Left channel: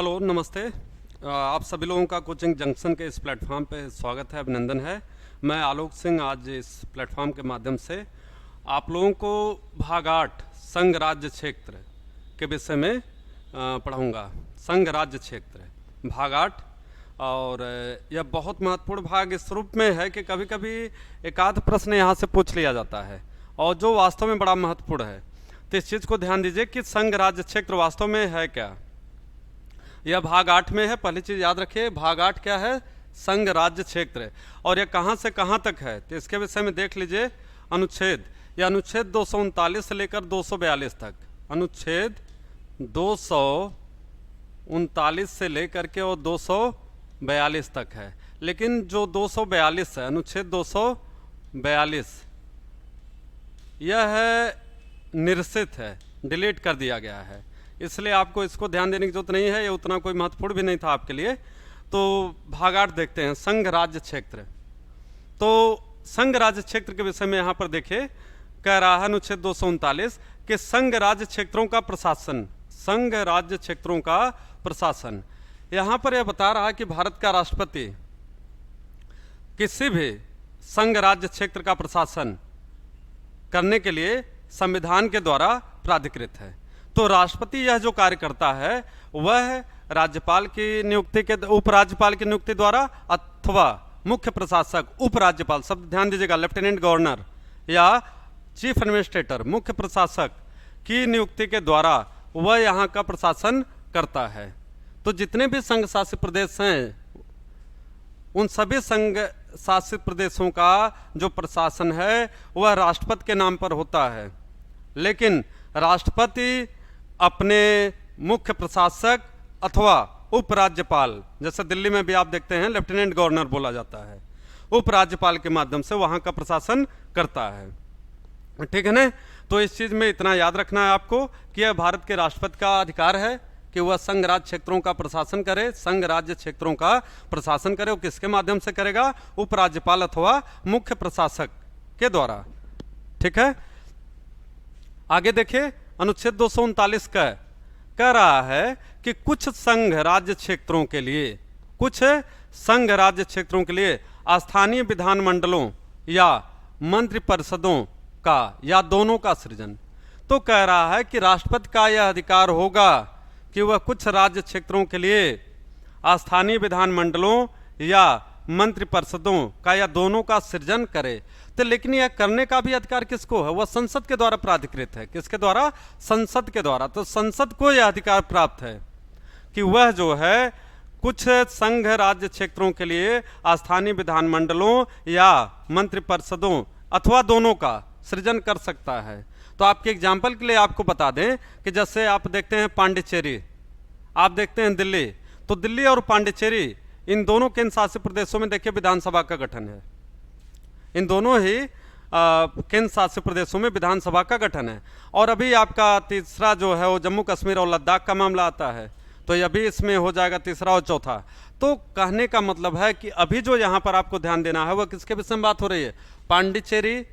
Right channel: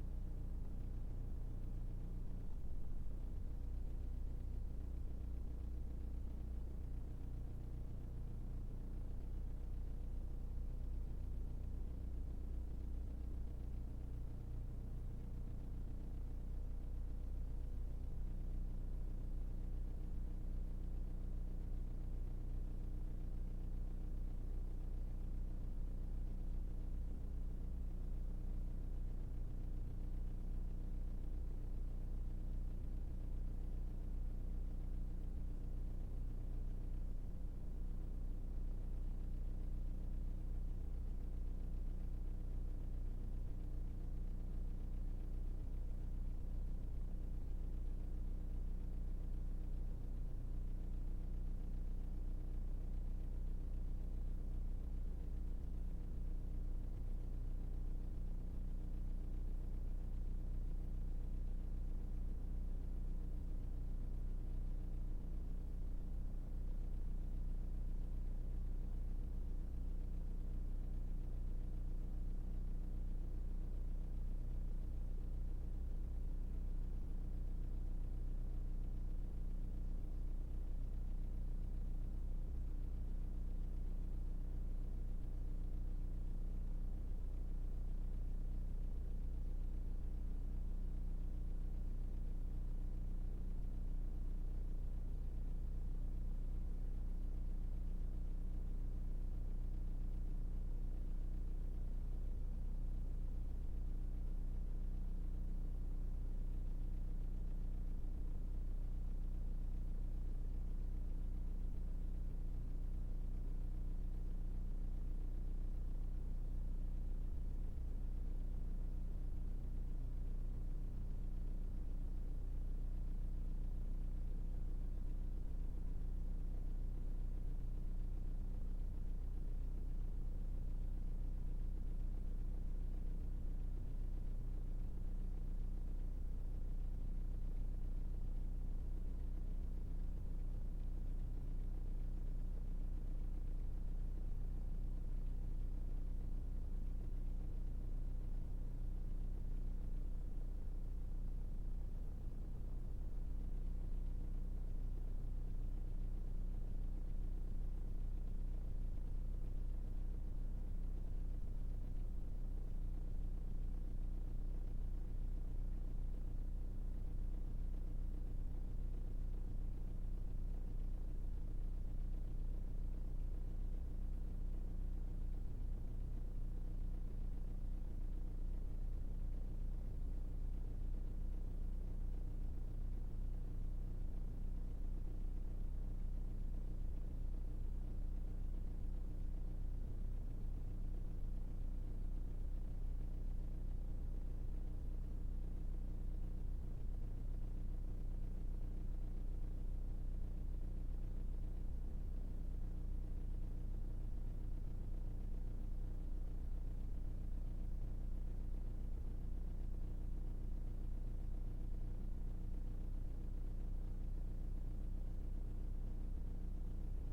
Hello, नमस्ते। आप सभी लोगों का कोचिंग जंक्शन के इस प्लेटफॉर्म पे स्वागत है, अभिनंदन है। मैं आलोक सिंह आज इस प्लेटफॉर्म के माध्यम से आप लोगों को भाग 8 संघ राज्य क्षेत्र के विषय में पढ़ाऊँगा। संघ राज्य क्षेत्र भाग 8। और यह बहुत महत्वपूर्ण भाग इस रूप में है कि कभी कभी एक आध प्रश्न यहाँ से पूछ लिया जाता है और जो वास्तव में बड़ा महत्वपूर्ण है। तो इस चीज़ को ध्यान दीजिए कि संघ राज्य क्षेत्र वास्तव में है क्या। यह भाग 8 में है। पहली चीज़ याद रखिए, भाग 8 क्या है? संघ राज्य क्षेत्र। और यह कहाँ से कहाँ तक है तो इसके विषय में देख लीजिए। अनुच्छेद, यह अनुच्छेद 239 से लेकर 242 तक, अनुच्छेद 239 से लेकर के और 242 तक है। लेकिन जो 242 है, अनुच्छेद 242, यह है निरसित है, डिलीट कर दिया गया है, इसलिए आपको इसको ध्यान देने की जरूरत नहीं है। ये उतना कोई महत्वपूर्ण भी नहीं था आपके लिए। तो भाग 8 देखते हैं, संघ राज्य क्षेत्र। तो संघ राज्य क्षेत्र के विषय में यहाँ पर देखिए, कह रहा है अनुच्छेद 239 कि संघ राज्य क्षेत्रों का प्रशासन, संघ राज्य क्षेत्रों का प्रशासन। यहाँ पर यह बता रहा है कि भारत का राष्ट्रपति किसी भी संघ राज्य क्षेत्र का प्रशासन करने के लिए संविधान के द्वारा प्राधिकृत है। तो राष्ट्रपति यह जो कार्य करता है वह राज्यपाल की नियुक्ति के, उपराज्यपाल की नियुक्ति द्वारा अथवा मुख्य प्रशासक, उपराज्यपाल, शब्द ध्यान दीजिएगा, लेफ्टिनेंट गवर्नर या चीफ एडमिनिस्ट्रेटर, मुख्य प्रशासक की नियुक्ति के द्वारा वह यहाँ का प्रशासन करता है। तो जितने भी संघ शासित प्रदेश हैं उन सभी संघ शासित प्रदेशों का जो प्रशासन है वह राष्ट्रपति के नाम पर होता है। लेकिन राष्ट्रपति अपने मुख्य प्रशासक अथवा उपराज्यपाल, जैसे दिल्ली में भी आप देखते हैं लेफ्टिनेंट गवर्नर बोला जाता है, उपराज्यपाल के माध्यम से वहां का प्रशासन करता है। ठीक है ना? तो इस चीज में इतना याद रखना है आपको कि यह भारत के राष्ट्रपति का अधिकार है कि वह संघ राज्य क्षेत्रों का प्रशासन करे। संघ राज्य क्षेत्रों का प्रशासन करे, वो किसके माध्यम से करेगा? उपराज्यपाल अथवा मुख्य प्रशासक के द्वारा। ठीक है, आगे देखिए, अनुच्छेद 239 का कह रहा है कि कुछ संघ राज्य क्षेत्रों के लिए, कुछ संघ राज्य क्षेत्रों के लिए स्थानीय विधानमंडलों या मंत्रिपरिषदों का या दोनों का सृजन। तो कह रहा है कि राष्ट्रपति का यह अधिकार होगा कि वह कुछ राज्य क्षेत्रों के लिए स्थानीय विधानमंडलों या मंत्रिपरिषदों का या दोनों का सृजन करे। तो लेकिन यह करने का भी अधिकार किसको है? वह संसद के द्वारा प्राधिकृत है। किसके द्वारा? संसद के द्वारा। तो संसद को यह अधिकार प्राप्त है कि वह जो है कुछ संघ राज्य क्षेत्रों के लिए स्थानीय विधानमंडलों या मंत्रिपरिषदों अथवा दोनों का सृजन कर सकता है। तो आपके एग्जाम्पल के लिए आपको बता दें कि जैसे आप देखते हैं पांडिचेरी, आप देखते हैं दिल्ली, तो दिल्ली और पांडिचेरी इन दोनों केंद्र शासित प्रदेशों में देखिए विधानसभा का गठन है। इन दोनों ही केंद्र शासित प्रदेशों में विधानसभा का गठन है। और अभी आपका तीसरा जो है वो जम्मू कश्मीर और लद्दाख का मामला आता है, तो ये अभी इसमें हो जाएगा तीसरा और चौथा। तो कहने का मतलब है कि अभी जो यहाँ पर आपको ध्यान देना है वह किसके विषय में बात हो रही है? पांडिचेरी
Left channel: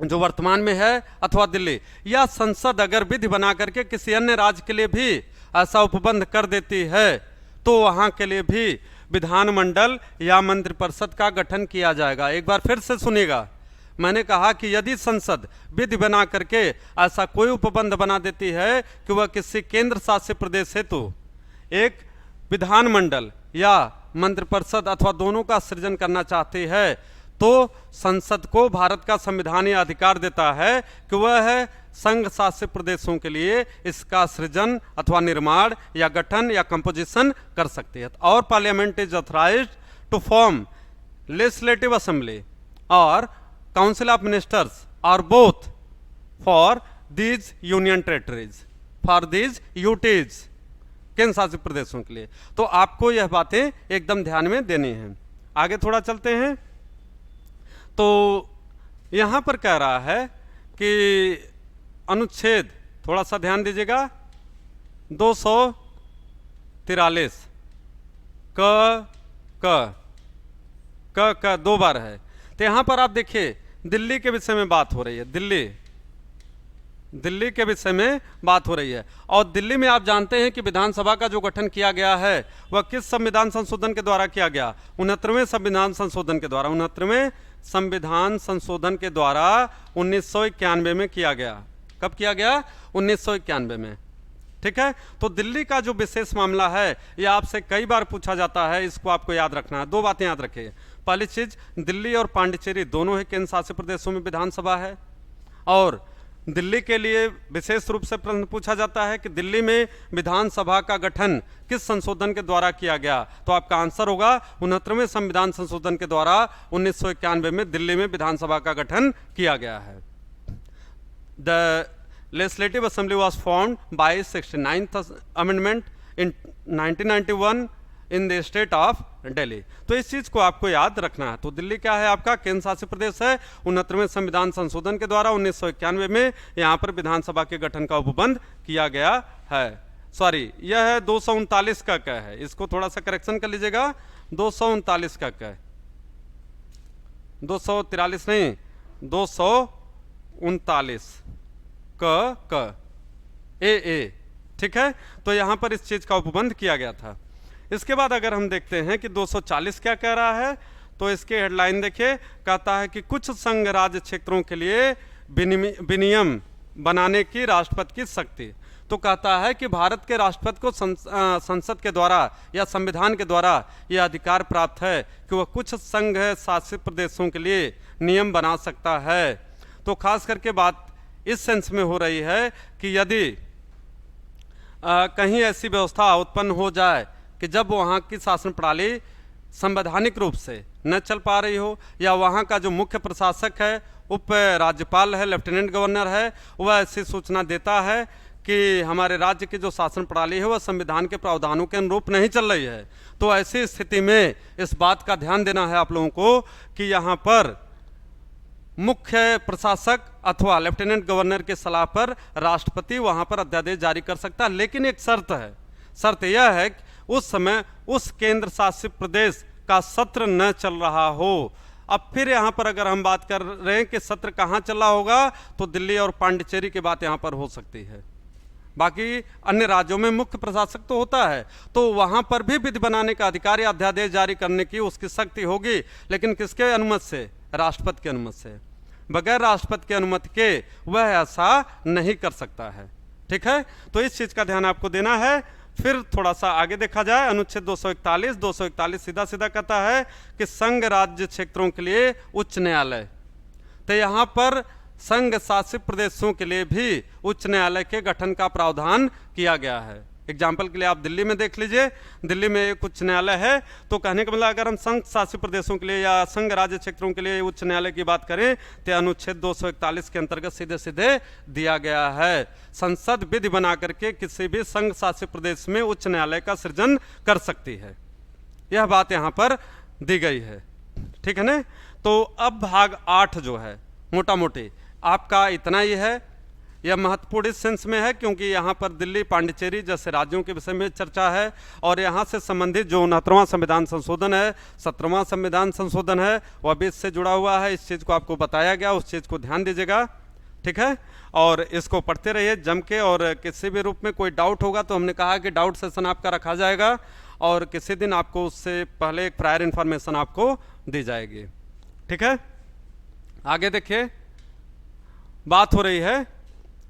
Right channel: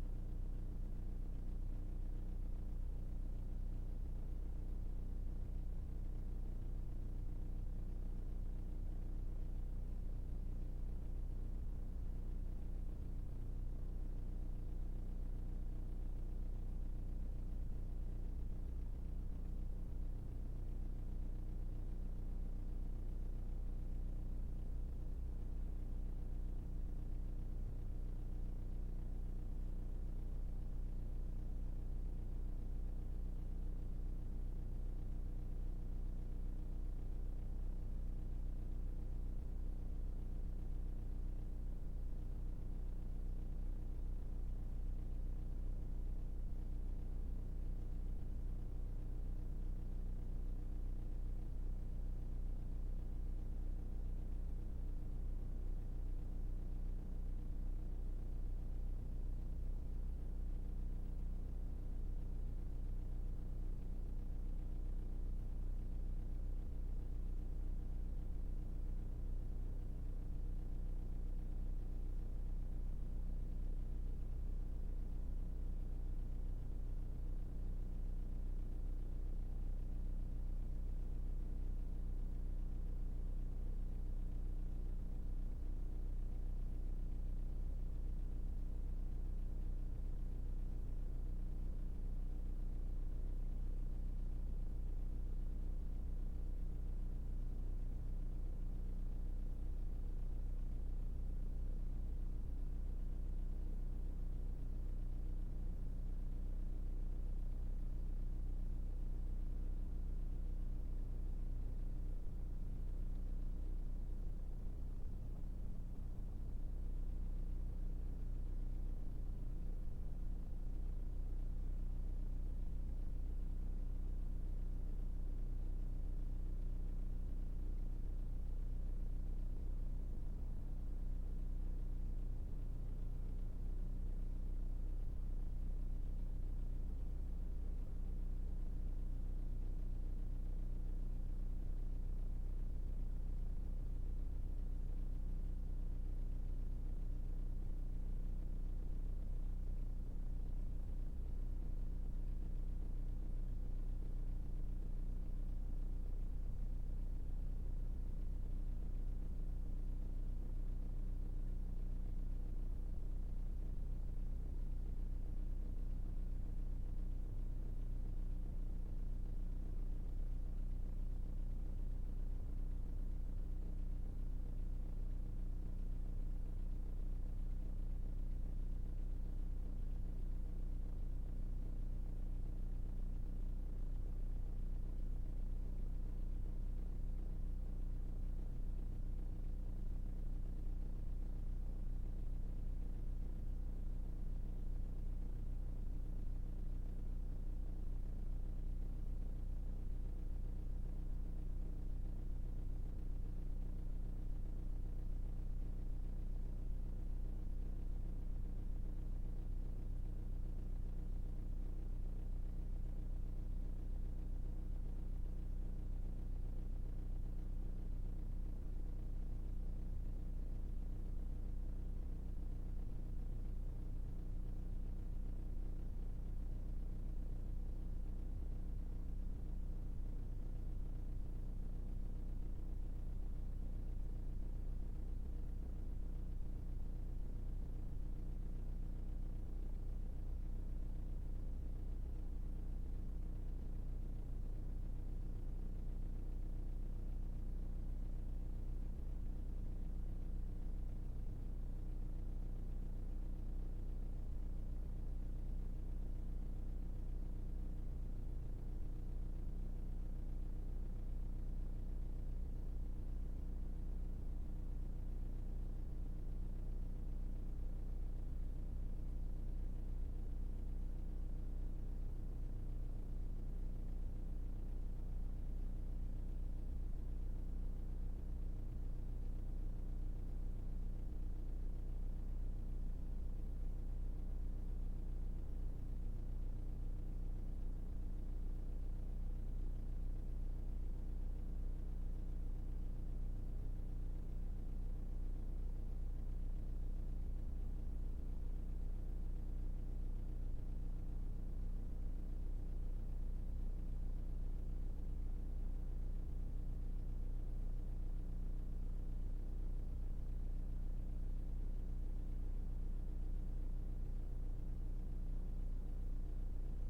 जो वर्तमान में है अथवा दिल्ली, या संसद अगर विधि बना करके किसी अन्य राज्य के लिए भी ऐसा उपबंध कर देती है तो वहां के लिए भी विधानमंडल या मंत्रिपरिषद का गठन किया जाएगा। एक बार फिर से सुनिएगा, मैंने कहा कि यदि संसद विधि बना करके ऐसा कोई उपबंध बना देती है कि वह किसी केंद्र शासित प्रदेश हेतु एक विधानमंडल या मंत्रिपरिषद अथवा दोनों का सृजन करना चाहती है, तो संसद को भारत का संविधान यह अधिकार देता है कि वह संघ शासित प्रदेशों के लिए इसका सृजन अथवा निर्माण या गठन या कंपोजिशन कर सकती है। और parliament is authorized to form legislative assembly और काउंसिल ऑफ मिनिस्टर्स और both for these union territories, for these UTs, केंद्र शासित प्रदेशों के लिए। तो आपको यह बातें एकदम ध्यान में देनी है। आगे थोड़ा चलते हैं। तो यहां पर कह रहा है कि अनुच्छेद, थोड़ा सा ध्यान दीजिएगा, 243 क दो बार है। तो यहां पर आप देखिए दिल्ली के विषय में बात हो रही है। दिल्ली दिल्ली के विषय में बात हो रही है। और दिल्ली में आप जानते हैं कि विधानसभा का जो गठन किया गया है वह किस संविधान संशोधन के द्वारा किया गया? 69वें संविधान संशोधन के द्वारा। 69वें संविधान संशोधन के द्वारा 1991 में किया गया। कब किया गया? 1991 में। ठीक है, तो दिल्ली का जो विशेष मामला है यह आपसे कई बार पूछा जाता है, इसको आपको याद रखना है। दो बातें याद रखिए। पहली चीज, दिल्ली और पांडिचेरी दोनों ही केंद्र शासित प्रदेशों में विधानसभा है, और दिल्ली के लिए विशेष रूप से प्रश्न पूछा जाता है कि दिल्ली में विधानसभा का गठन किस संशोधन के द्वारा किया गया? तो आपका आंसर होगा 69वें संविधान संशोधन के द्वारा 1991 में दिल्ली में विधानसभा का गठन किया गया है। The legislative assembly was formed by 69th amendment in 1991 in the state of Delhi. तो इस चीज को आपको याद रखना है। तो दिल्ली क्या है? आपका केंद्र शासित प्रदेश है। 69वें संविधान संशोधन के द्वारा 1991 में यहाँ पर विधानसभा के गठन का उपबंध किया गया है। सॉरी, यह है 239 का क है, इसको थोड़ा सा करेक्शन कर लीजिएगा। 239 का क, 243 नहीं, 239 क ए। ठीक है, तो यहाँ पर इस चीज का उपबंध किया गया था। इसके बाद अगर हम देखते हैं कि 240 क्या कह रहा है, तो इसके हेडलाइन देखिए, कहता है कि कुछ संघ राज्य क्षेत्रों के लिए विनियम बनाने की राष्ट्रपति की शक्ति। तो कहता है कि भारत के राष्ट्रपति को संसद के द्वारा या संविधान के द्वारा यह अधिकार प्राप्त है कि वह कुछ संघ शासित प्रदेशों के लिए नियम बना सकता है। तो खास करके बात इस सेंस में हो रही है कि यदि कहीं ऐसी व्यवस्था उत्पन्न हो जाए कि जब वहाँ की शासन प्रणाली संवैधानिक रूप से न चल पा रही हो, या वहाँ का जो मुख्य प्रशासक है, उप राज्यपाल है, लेफ्टिनेंट गवर्नर है, वह ऐसी सूचना देता है कि हमारे राज्य की जो शासन प्रणाली है वह संविधान के प्रावधानों के अनुरूप नहीं चल रही है, तो ऐसी स्थिति में इस बात का ध्यान देना है आप लोगों को कि यहाँ पर मुख्य प्रशासक अथवा लेफ्टिनेंट गवर्नर की सलाह पर राष्ट्रपति वहाँ पर अध्यादेश जारी कर सकता है। लेकिन एक शर्त है, शर्त यह है कि उस समय उस केंद्र शासित प्रदेश का सत्र न चल रहा हो। अब फिर यहाँ पर अगर हम बात कर रहे हैं कि सत्र कहाँ चल रहा होगा, तो दिल्ली और पांडिचेरी की बात यहाँ पर हो सकती है। बाकी अन्य राज्यों में मुख्य प्रशासक तो होता है, तो वहाँ पर भी विधि बनाने का अधिकार या अध्यादेश जारी करने की उसकी शक्ति होगी, लेकिन किसके अनुमति से? राष्ट्रपति की अनुमति से। बगैर राष्ट्रपति की अनुमति के वह ऐसा नहीं कर सकता है। ठीक है, तो इस चीज का ध्यान आपको देना है। फिर थोड़ा सा आगे देखा जाए, अनुच्छेद 241 सीधा सीधा कहता है कि संघ राज्य क्षेत्रों के लिए उच्च न्यायालय। तो यहाँ पर संघ शासित प्रदेशों के लिए भी उच्च न्यायालय के गठन का प्रावधान किया गया है। एग्जाम्पल के लिए आप दिल्ली में देख लीजिए, दिल्ली में एक उच्च न्यायालय है। तो कहने का मतलब अगर हम संघ शासित प्रदेशों के लिए या संघ राज्य क्षेत्रों के लिए उच्च न्यायालय की बात करें तो अनुच्छेद 241 के अंतर्गत सीधे सीधे दिया गया है, संसद विधि बना करके किसी भी संघ शासित प्रदेश में उच्च न्यायालय का सृजन कर सकती है। यह बात यहाँ पर दी गई है। ठीक है ना। तो अब भाग 8 जो है मोटा मोटी आपका इतना ही है। यह महत्वपूर्ण इस सेंस में है क्योंकि यहाँ पर दिल्ली पांडिचेरी जैसे राज्यों के विषय में चर्चा है, और यहाँ से संबंधित जो 69वां संविधान संशोधन है, 17वां संविधान संशोधन है, वह भी इससे जुड़ा हुआ है। इस चीज़ को आपको बताया गया, उस चीज़ को ध्यान दीजिएगा। ठीक है, और इसको पढ़ते रहिए जम के, और किसी भी रूप में कोई डाउट होगा तो हमने कहा कि डाउट सेशन आपका रखा जाएगा, और किसी दिन आपको उससे पहले एक प्रायर इन्फॉर्मेशन आपको दी जाएगी। ठीक है, आगे देखिए, बात हो रही है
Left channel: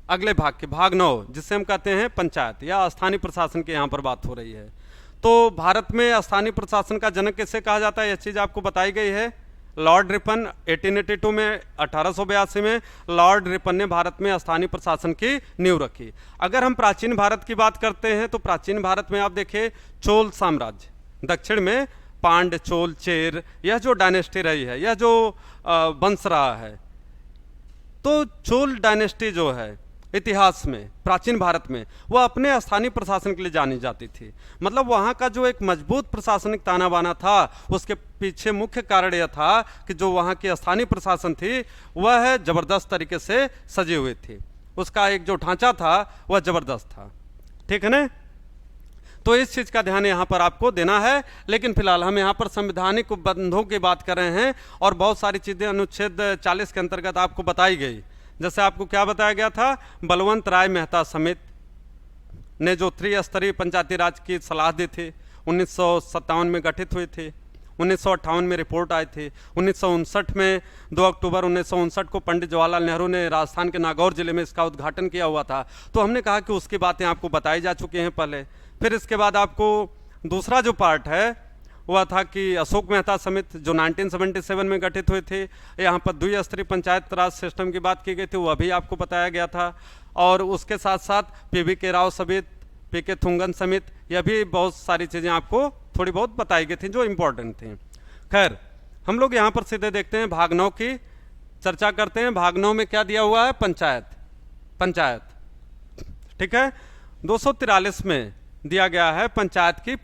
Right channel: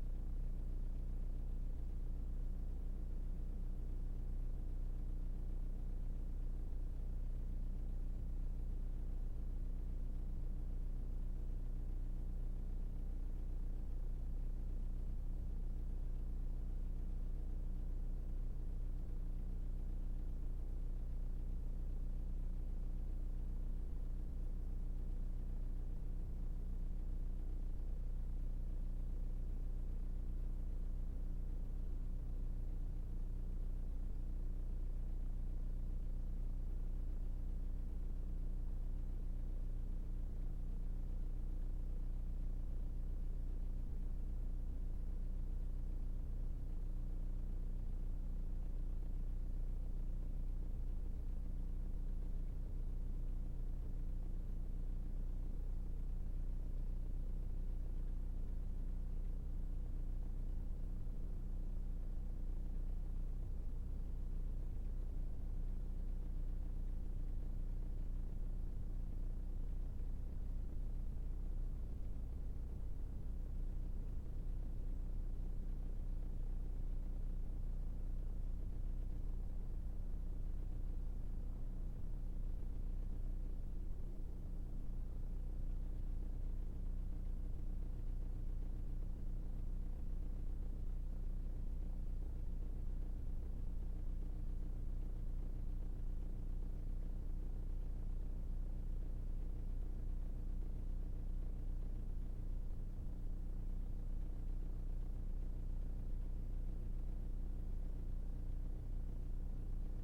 अगले भाग की, भाग 9, जिससे हम कहते हैं पंचायत या स्थानीय प्रशासन की यहाँ पर बात हो रही है। तो भारत में स्थानीय प्रशासन का जनक किसे कहा जाता है, यह चीज़ आपको बताई गई है। लॉर्ड रिपन 1882 में, 1882 में लॉर्ड रिपन ने भारत में स्थानीय प्रशासन की नींव रखी। अगर हम प्राचीन भारत की बात करते हैं तो प्राचीन भारत में आप देखिए चोल साम्राज्य, दक्षिण में पांड्य, चोल, चेर, यह जो डायनेस्टी रही है, यह जो वंश रहा है, तो चोल डायनेस्टी जो है इतिहास में प्राचीन भारत में वह अपने स्थानीय प्रशासन के लिए जानी जाती थी। मतलब वहाँ का जो एक मजबूत प्रशासनिक ताना बाना था, उसके पीछे मुख्य कारण यह था कि जो वहाँ की स्थानीय प्रशासन थी वह जबरदस्त तरीके से सजी हुई थी, उसका एक जो ढांचा था वह जबरदस्त था। ठीक है ना। तो इस चीज़ का ध्यान यहाँ पर आपको देना है। लेकिन फिलहाल हम यहाँ पर संवैधानिक उपबंधों की बात कर रहे हैं, और बहुत सारी चीज़ें अनुच्छेद 40 के अंतर्गत आपको बताई गई जैसे आपको क्या बताया गया था, बलवंत राय मेहता समिति ने जो त्रिस्तरीय पंचायती राज की सलाह दी थी 1957 में गठित हुई थी, 1958 में रिपोर्ट आई थी, 1959 में 2 अक्टूबर 1959 को पंडित जवाहरलाल नेहरू ने राजस्थान के नागौर जिले में इसका उद्घाटन किया हुआ था। तो हमने कहा कि उसकी बातें आपको बताई जा चुकी हैं पहले। फिर इसके बाद आपको दूसरा जो पार्ट है वह था कि अशोक मेहता समिति जो 1977 में गठित हुई थी, यहाँ पर द्विस्तरीय पंचायत राज सिस्टम की बात की गई थी, वह भी आपको बताया गया था। और उसके साथ साथ पीवी के राव समिति, पीके थुंगन समिति, यह भी बहुत सारी चीज़ें आपको थोड़ी बहुत बताई गई थी जो इम्पोर्टेंट थी। खैर, हम लोग यहाँ पर सीधे देखते हैं, भाग 9 की चर्चा करते हैं। भाग 9 में क्या दिया हुआ है, पंचायत। ठीक है, 243 में दिया गया है पंचायत की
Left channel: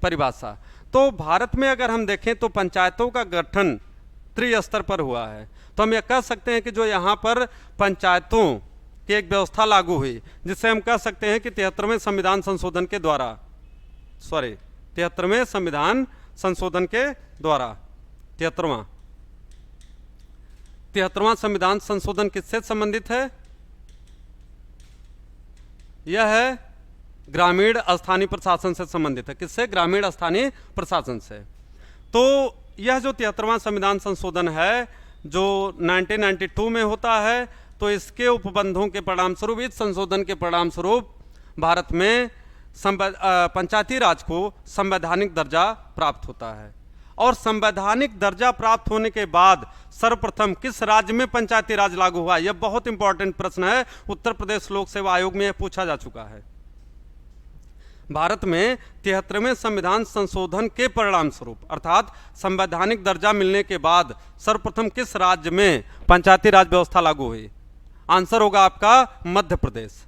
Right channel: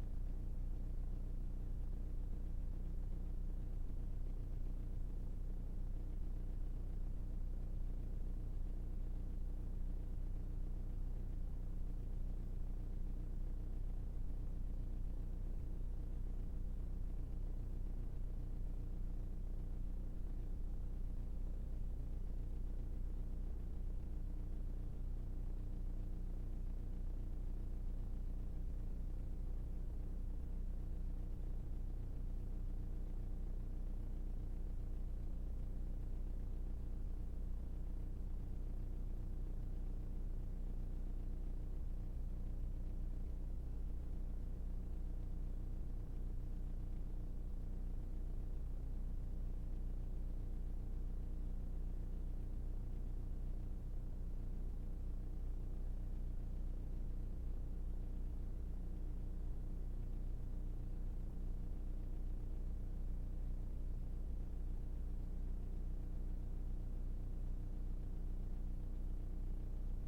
परिभाषा। तो भारत में अगर हम देखें तो पंचायतों का गठन त्रिस्तर पर हुआ है। तो हम यह कह सकते हैं कि जो यहाँ पर पंचायतों की एक व्यवस्था लागू हुई, जिसे हम कह सकते हैं कि 73वें संविधान संशोधन के द्वारा 73वें संविधान संशोधन के द्वारा 73वां संविधान संशोधन किससे संबंधित है? यह है ग्रामीण स्थानीय प्रशासन से संबंधित है। किससे? ग्रामीण स्थानीय प्रशासन से। तो यह जो 73वां संविधान संशोधन है जो 1992 में होता है, तो इसके उपबंधों के परिणाम स्वरूप, इस संशोधन के परिणाम स्वरूप भारत में पंचायती राज को संवैधानिक दर्जा प्राप्त होता है। और संवैधानिक दर्जा प्राप्त होने के बाद सर्वप्रथम किस राज्य में पंचायती राज लागू हुआ? यह बहुत इंपॉर्टेंट प्रश्न है, उत्तर प्रदेश लोक सेवा आयोग में यह पूछा जा चुका है। भारत में 73वें संविधान संशोधन के परिणाम स्वरूप, अर्थात संवैधानिक दर्जा मिलने के बाद सर्वप्रथम किस राज्य में पंचायती राज व्यवस्था लागू हुई? आंसर होगा आपका मध्य प्रदेश।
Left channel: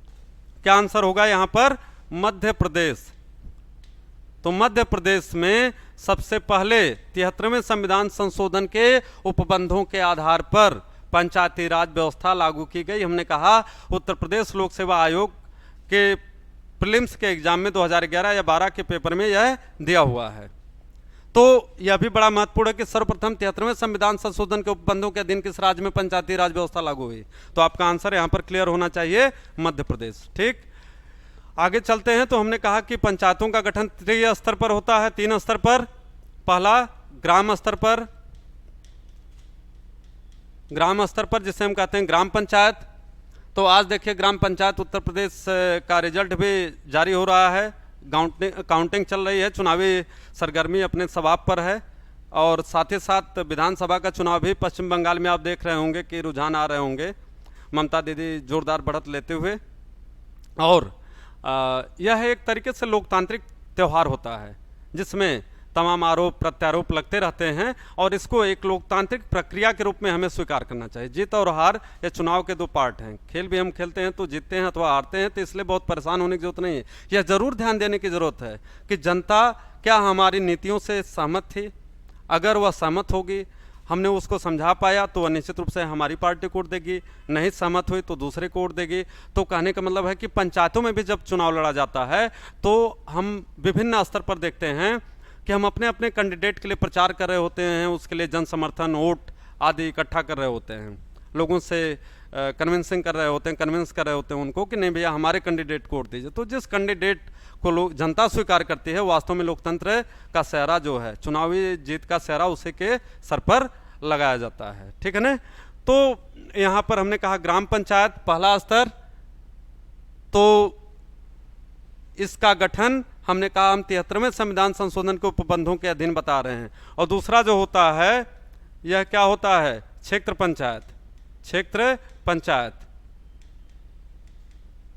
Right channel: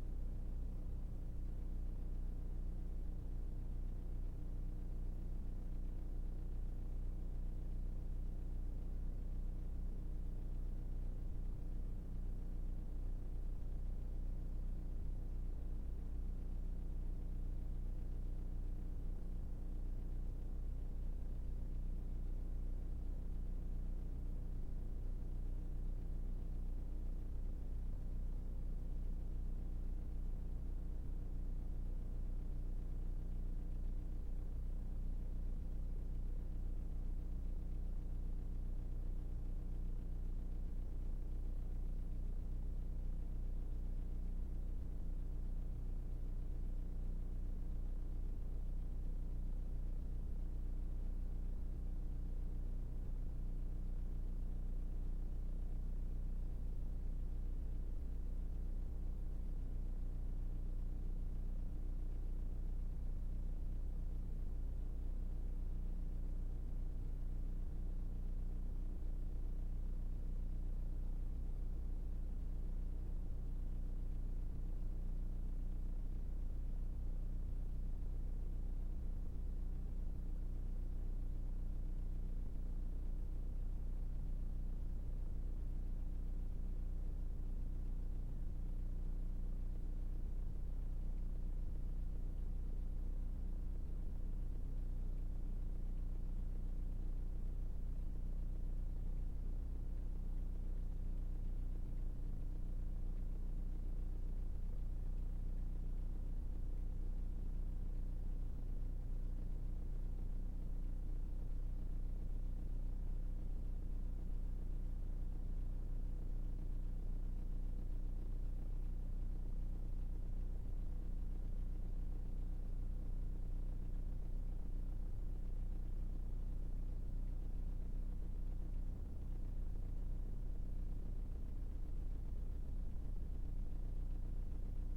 क्या आंसर होगा यहाँ पर? मध्य प्रदेश। तो मध्य प्रदेश में सबसे पहले 73वें संविधान संशोधन के उपबंधों के आधार पर पंचायती राज व्यवस्था लागू की गई। हमने कहा उत्तर प्रदेश लोक सेवा आयोग के प्रीलिम्स के एग्जाम में 2011 या 12 के पेपर में यह दिया हुआ है। तो यह भी बड़ा महत्वपूर्ण है कि सर्वप्रथम 73वें संविधान संशोधन के उपबंधों के अधीन किस राज्य में पंचायती राज व्यवस्था लागू हुई? तो आपका आंसर यहाँ पर क्लियर होना चाहिए, मध्य प्रदेश। ठीक, आगे चलते हैं। तो हमने कहा कि पंचायतों का गठन त्रिस्तर पर होता है, 3 स्तर पर। पहला ग्राम स्तर पर, जिसे हम कहते हैं ग्राम पंचायत। तो आज देखिए ग्राम पंचायत उत्तर प्रदेश का रिजल्ट भी जारी हो रहा है, काउंटिंग चल रही है, चुनावी सरगर्मी अपने स्वभाव पर है। और साथ ही साथ विधानसभा का चुनाव भी पश्चिम बंगाल में आप देख रहे होंगे कि रुझान आ रहे होंगे, ममता दीदी जोरदार बढ़त लेते हुए। और यह एक तरीके से लोकतांत्रिक त्यौहार होता है जिसमें तमाम आरोप प्रत्यारोप लगते रहते हैं, और इसको एक लोकतांत्रिक प्रक्रिया के रूप में हमें स्वीकार करना चाहिए। जीत और हार ये चुनाव के 2 पार्ट हैं। खेल भी हम खेलते हैं तो जीतते हैं अथवा हारते हैं, तो इसलिए बहुत परेशान होने की जरूरत नहीं है। यह जरूर ध्यान देने की जरूरत है कि जनता क्या हमारी नीतियों से सहमत थी। अगर वह सहमत होगी, हमने उसको समझा पाया, तो वह निश्चित रूप से हमारी पार्टी को वोट देगी, नहीं सहमत हुई तो दूसरे को वोट देगी। तो कहने का मतलब है कि पंचायतों में भी जब चुनाव लड़ा जाता है तो हम विभिन्न स्तर पर देखते हैं कि हम अपने अपने कैंडिडेट के लिए प्रचार कर रहे होते हैं, उसके लिए जन समर्थन, वोट आदि इकट्ठा कर रहे होते हैं, लोगों से कन्विंस कर रहे होते हैं उनको कि नहीं भैया हमारे कैंडिडेट को वोट दीजिए। तो जिस कैंडिडेट को लोग जनता स्वीकार करती है, वास्तव में लोकतंत्र का सेहरा जो है, चुनावी जीत का सेहरा उसी के सर पर लगाया जाता है। ठीक है ना? तो यहाँ पर हमने कहा ग्राम पंचायत पहला स्तर, तो इसका गठन हमने कहा हम 73वें संविधान संशोधन के उपबंधों के अधीन बता रहे हैं। और दूसरा जो होता है यह क्या होता है? क्षेत्र पंचायत।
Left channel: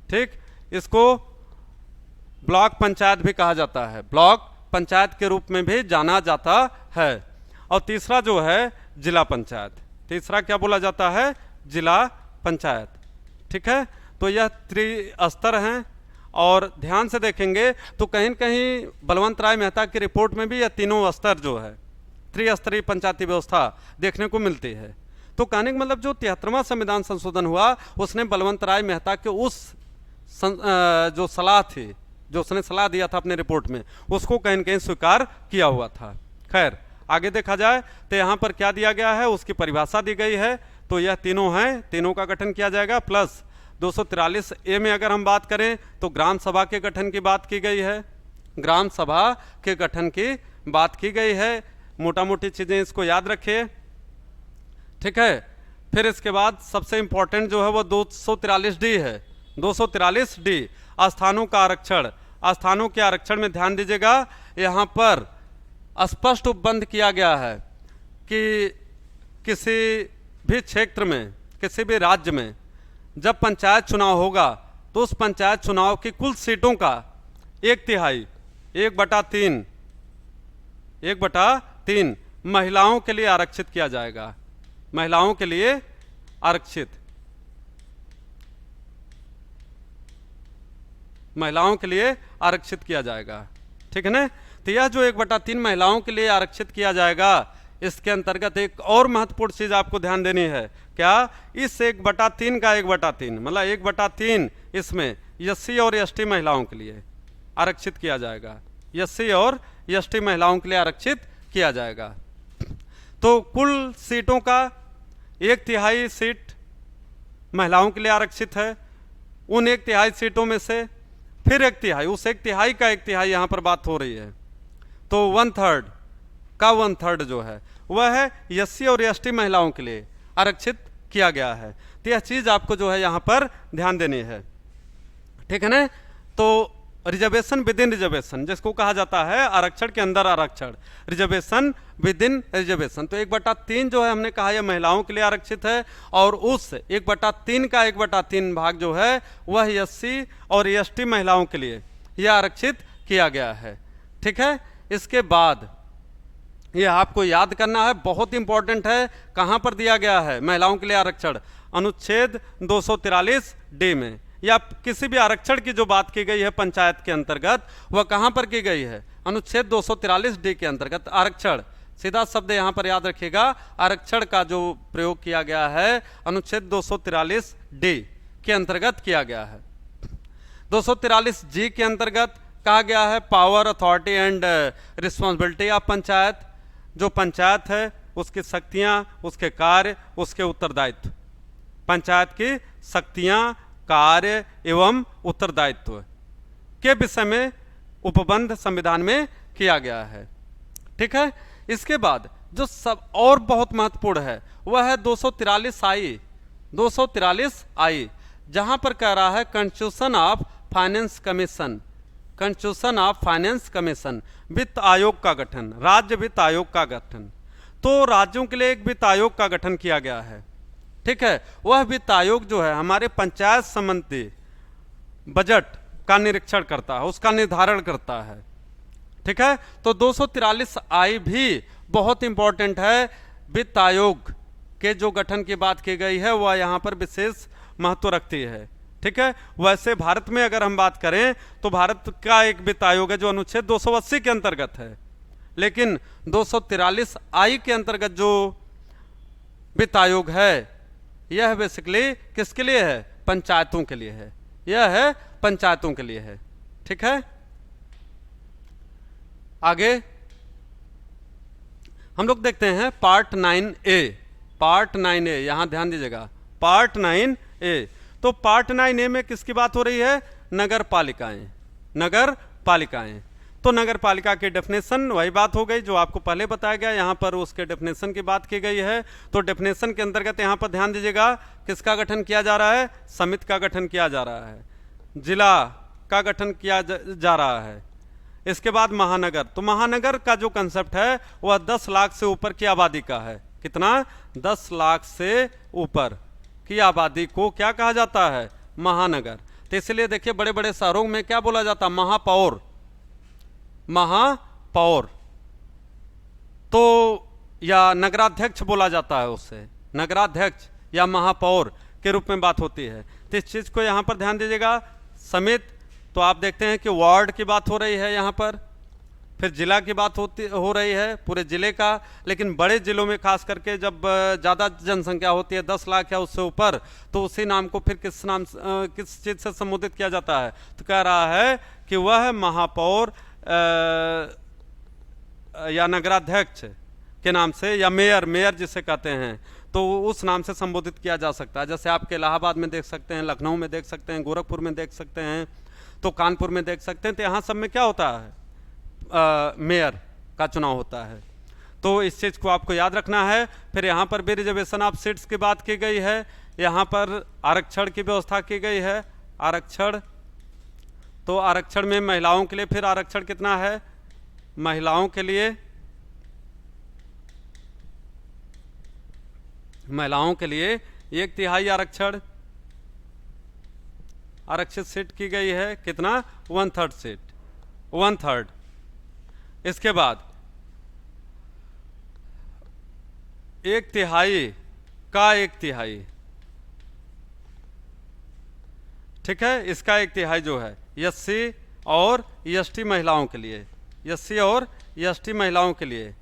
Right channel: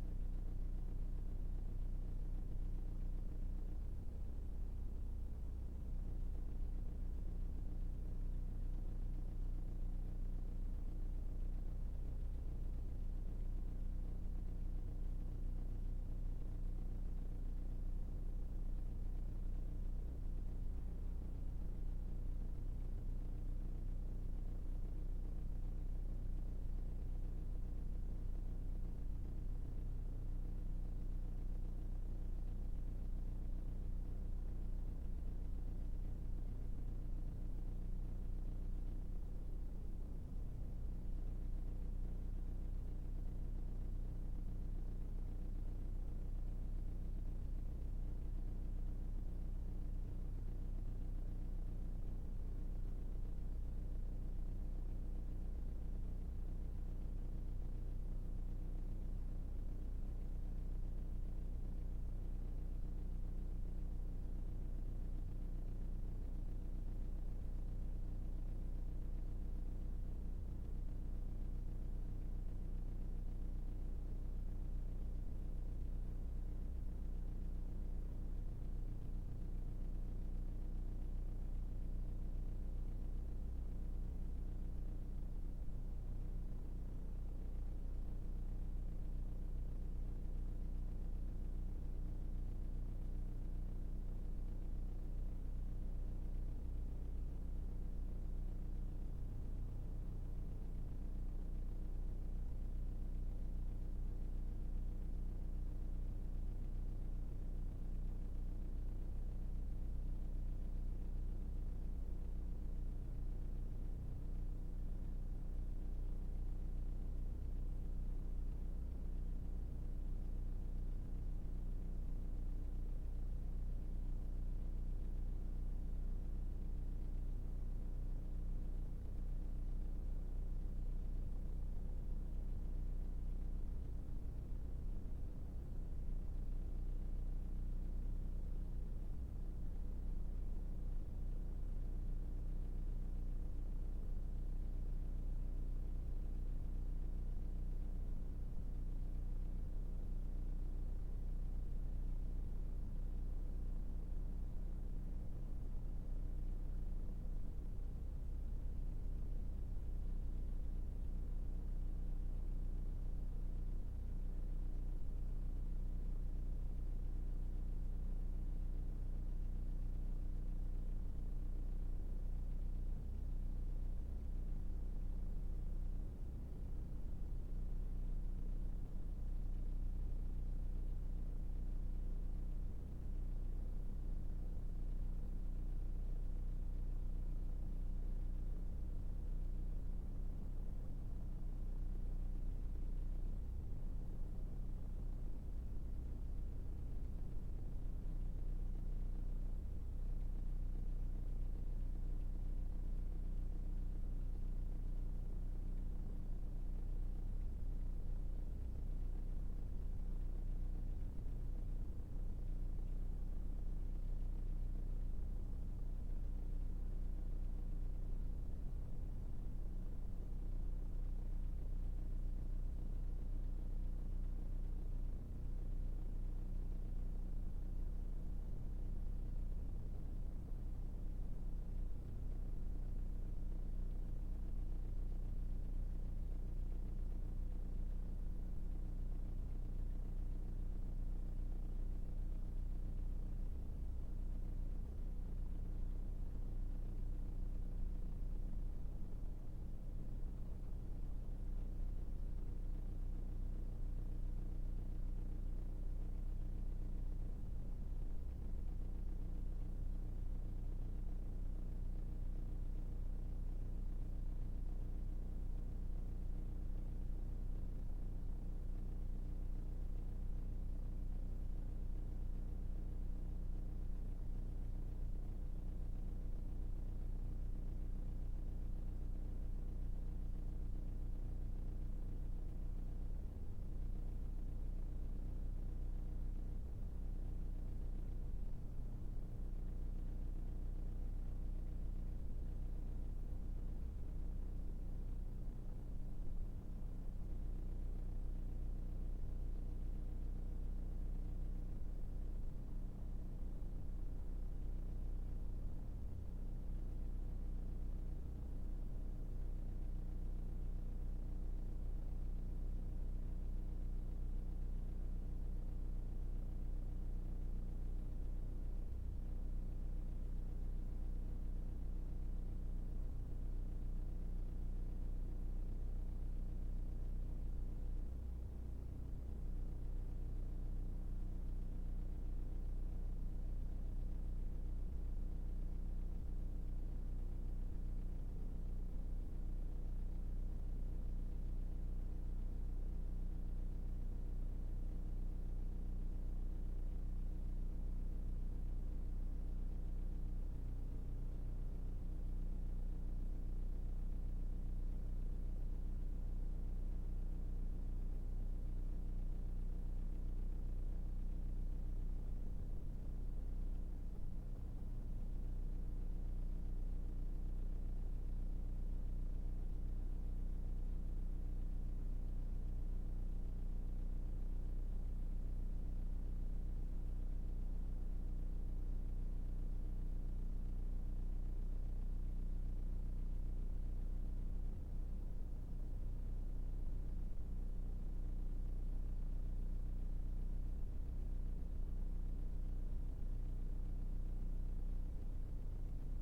ठीक, इसको ब्लॉक पंचायत भी कहा जाता है, ब्लॉक पंचायत के रूप में भी जाना जाता है। और तीसरा जो है जिला पंचायत, तीसरा क्या बोला जाता है? जिला पंचायत। ठीक है, तो यह त्रिस्तर हैं। और ध्यान से देखेंगे तो कहीं न कहीं बलवंत राय मेहता की रिपोर्ट में भी यह तीनों स्तर जो है त्रिस्तरीय पंचायती व्यवस्था देखने को मिलती है। तो कहने का मतलब जो 73वां संविधान संशोधन हुआ उसने बलवंत राय मेहता के उस जो सलाह थी, जो उसने सलाह दिया था अपने रिपोर्ट में, उसको कहीं न कहीं स्वीकार किया हुआ था। खैर आगे देखा जाए तो यहाँ पर क्या दिया गया है, उसकी परिभाषा दी गई है। तो यह तीनों हैं, तीनों का गठन किया जाएगा। प्लस 243 ए में अगर हम बात करें तो ग्राम सभा के गठन की बात की गई है, ग्राम सभा के गठन की बात की गई है। मोटा मोटी चीज़ें इसको याद रखिए, ठीक है। फिर इसके बाद सबसे इंपॉर्टेंट जो है वो 243 डी है। 243 डी स्थानों का आरक्षण। स्थानों के आरक्षण में ध्यान दीजिएगा, यहाँ पर स्पष्ट उपबंध किया गया है कि किसी भी क्षेत्र में, किसी भी राज्य में जब पंचायत चुनाव होगा तो उस पंचायत चुनाव की कुल सीटों का 1/3 1/3 महिलाओं के लिए आरक्षित किया जाएगा। महिलाओं के लिए आरक्षित, महिलाओं के लिए आरक्षित किया जाएगा, ठीक है ना। तो यह जो 1/3 महिलाओं के लिए आरक्षित किया जाएगा, इसके अंतर्गत एक और महत्वपूर्ण चीज आपको ध्यान देनी है। क्या? इस 1/3 का 1/3 मतलब 1/3 इसमें एससी और एसटी महिलाओं के लिए आरक्षित किया जाएगा। एससी और एसटी महिलाओं के लिए आरक्षित किया जाएगा। तो कुल सीटों का 1/3 सीट महिलाओं के लिए आरक्षित है। उन 1/3 सीटों में से फिर 1/3, उस 1/3 का 1/3 यहाँ पर बात हो रही है, तो 1/3 का 1/3 जो है वह है एससी और एसटी महिलाओं के लिए आरक्षित किया गया है। तो यह चीज आपको जो है यहाँ पर ध्यान देनी है, ठीक है ना। तो रिजर्वेशन विद इन रिजर्वेशन जिसको कहा जाता है आरक्षण के अंदर आरक्षण, रिजर्वेशन विद इन रिजर्वेशन। तो 1/3 जो है हमने कहा यह महिलाओं के लिए आरक्षित है, और उस 1/3 का 1/3 भाग जो है वह एससी और एसटी महिलाओं के लिए यह आरक्षित किया गया है, ठीक है। इसके बाद यह आपको याद करना है, बहुत इंपॉर्टेंट है, कहां पर दिया गया है महिलाओं के लिए आरक्षण? अनुच्छेद 243 डी में, या किसी भी आरक्षण की जो बात की गई है पंचायत के अंतर्गत वह कहां पर की गई है? अनुच्छेद 243 डी के अंतर्गत आरक्षण। सीधा शब्द यहां पर याद रखिएगा, आरक्षण का जो प्रयोग किया गया है अनुच्छेद 243 डी के अंतर्गत किया गया है। 243 जी के अंतर्गत कहा गया है power, authority and responsibility of panchayat. जो पंचायत है उसकी शक्तियां, उसके कार्य, उसके उत्तरदायित्व, पंचायत की शक्तियां, कार्य एवं उत्तरदायित्व के विषय में उपबंध संविधान में किया गया है, ठीक है। इसके बाद जो सब और बहुत महत्वपूर्ण है वह है 243 आई। 243 आई जहां पर कह रहा है constitution of finance commission, constitution of finance commission, वित्त आयोग का गठन, राज्य वित्त आयोग का गठन। तो राज्यों के लिए एक वित्त आयोग का गठन किया गया है, ठीक है। वह वित्त आयोग जो है हमारे पंचायत संबंधी बजट का निरीक्षण करता है, उसका निर्धारण करता है, ठीक है। तो 243 आई भी बहुत इंपॉर्टेंट है। वित्त आयोग के जो गठन की बात की गई है वह यहाँ पर विशेष महत्व रखती है, ठीक है। वैसे भारत में अगर हम बात करें तो भारत का एक वित्त आयोग है जो अनुच्छेद 280 के अंतर्गत है, लेकिन 243 आई के अंतर्गत जो वित्त आयोग है यह बेसिकली किसके लिए है? पंचायतों के लिए है, यह है पंचायतों के लिए है, ठीक है। आगे हम लोग देखते हैं पार्ट 9A। पार्ट 9A यहां ध्यान दीजिएगा, पार्ट 9A। तो पार्ट 9A में किसकी बात हो रही है? नगर पालिकाएं, नगर पालिकाएं। तो नगर पालिका की डेफिनेशन वही बात हो गई जो आपको पहले बताया गया, यहाँ पर उसके डेफिनेशन की बात की गई है। तो डेफिनेशन के अंतर्गत यहाँ पर ध्यान दीजिएगा किसका गठन किया जा रहा है? समिति का गठन किया जा रहा है, जिला का गठन किया जा रहा है। इसके बाद महानगर, तो महानगर का जो कंसेप्ट है वह 10 लाख से ऊपर की आबादी का है। कितना? 10 लाख से ऊपर की आबादी को क्या कहा जाता है? महानगर। तो इसलिए देखिए बड़े बड़े शहरों में क्या बोला जाता है? महापौर, महापौर। तो या नगराध्यक्ष बोला जाता है, उससे नगराध्यक्ष या महापौर के रूप में बात होती है। तो इस चीज को यहां पर ध्यान दीजिएगा। समिति, तो आप देखते हैं कि वार्ड की बात हो रही है यहाँ पर, फिर जिला की बात हो रही है, पूरे जिले का। लेकिन बड़े जिलों में खास करके जब ज़्यादा जनसंख्या होती है 10 लाख या उससे ऊपर, तो उसी नाम को फिर किस चीज़ से संबोधित किया जाता है? तो कह रहा है कि वह महापौर या नगराध्यक्ष के नाम से, या मेयर, मेयर जिसे कहते हैं, तो उस नाम से संबोधित किया जा सकता है। जैसे आपके इलाहाबाद में देख सकते हैं, लखनऊ में देख सकते हैं, गोरखपुर में देख सकते हैं, तो कानपुर में देख सकते हैं। तो यहाँ सब में क्या होता है, मेयर का चुनाव होता है। तो इस चीज़ को आपको याद रखना है। फिर यहाँ पर भी रिजर्वेशन ऑफ सीट्स की बात की गई है, यहाँ पर आरक्षण की व्यवस्था की गई है। आरक्षण, तो आरक्षण में महिलाओं के लिए फिर आरक्षण कितना है, महिलाओं के लिए 1/3 आरक्षण, आरक्षित सीट की गई है। कितना, 1/3 सीट, 1/3। इसके बाद 1/3 का 1/3, ठीक है, इसका 1/3 जो है एससी और एसटी महिलाओं के लिए, एससी और एसटी महिलाओं के लिए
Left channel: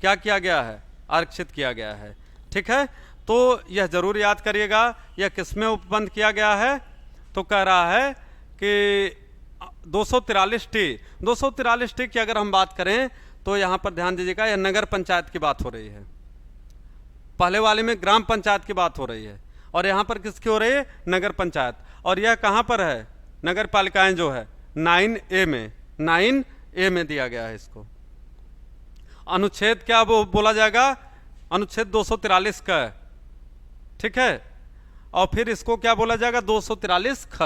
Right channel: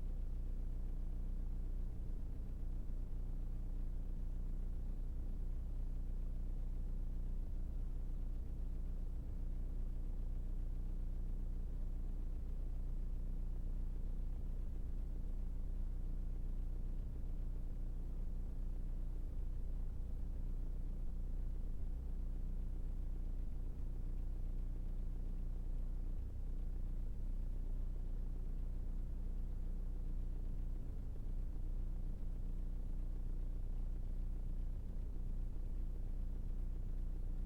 क्या किया गया है, आरक्षित किया गया है। ठीक है, तो यह जरूर याद करिएगा। यह किसमें उपबंध किया गया है, तो कह रहा है कि 243T की अगर हम बात करें तो यहाँ पर ध्यान दीजिएगा, यह नगर पंचायत की बात हो रही है। पहले वाले में ग्राम पंचायत की बात हो रही है और यहाँ पर किसकी हो रही है, नगर पंचायत। और यह कहाँ पर है, नगर पालिकाएं जो है 9A में, 9A में दिया गया है इसको। अनुच्छेद क्या वो बोला जाएगा, अनुच्छेद 243 का, ठीक है, और फिर इसको क्या बोला जाएगा, 243 ख।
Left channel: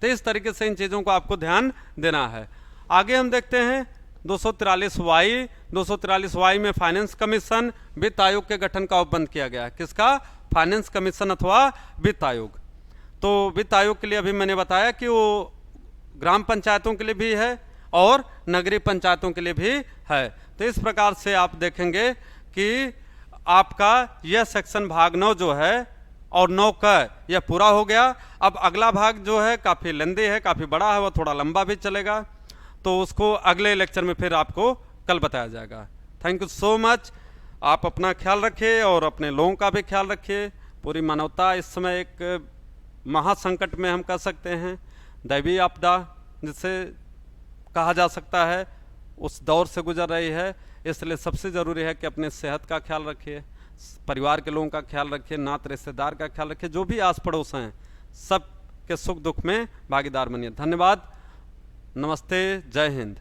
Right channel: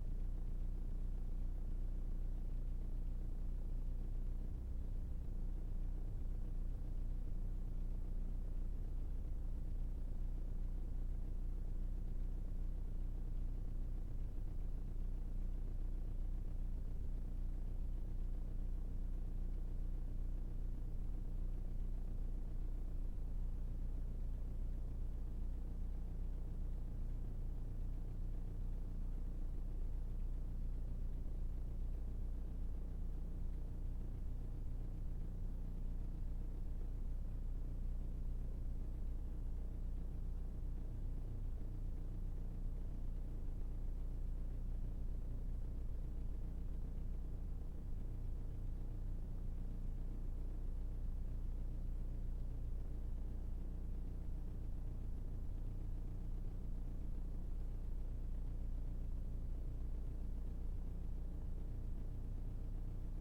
तो इस तरीके से इन चीज़ों को आपको ध्यान देना है। आगे हम देखते हैं 243Y। 243Y में फाइनेंस कमीशन, वित्त आयोग के गठन का उपबंध किया गया है। किसका, फाइनेंस कमीशन अथवा वित्त आयोग। तो वित्त आयोग के लिए अभी मैंने बताया कि वो ग्राम पंचायतों के लिए भी है और नगरीय पंचायतों के लिए भी है। तो इस प्रकार से आप देखेंगे कि आपका यह सेक्शन भाग 9 जो है और 9 का यह पूरा हो गया। अब अगला भाग जो है काफ़ी लंबी है, काफ़ी बड़ा है, वह थोड़ा लंबा भी चलेगा, तो उसको अगले लेक्चर में फिर आपको कल बताया जाएगा। Thank you so much. आप अपना ख्याल रखिए और अपने लोगों का भी ख्याल रखिए। पूरी मानवता इस समय एक महासंकट में हम कह सकते हैं, दैवीय आपदा जिसे कहा जा सकता है, उस दौर से गुजर रही है। इसलिए सबसे ज़रूरी है कि अपने सेहत का ख्याल रखिए, परिवार के लोगों का ख्याल रखिए, नात रिश्तेदार का ख्याल रखिए, जो भी आस पड़ोस हैं सब के सुख दुख में भागीदार बनिए। धन्यवाद, नमस्ते, जय हिंद।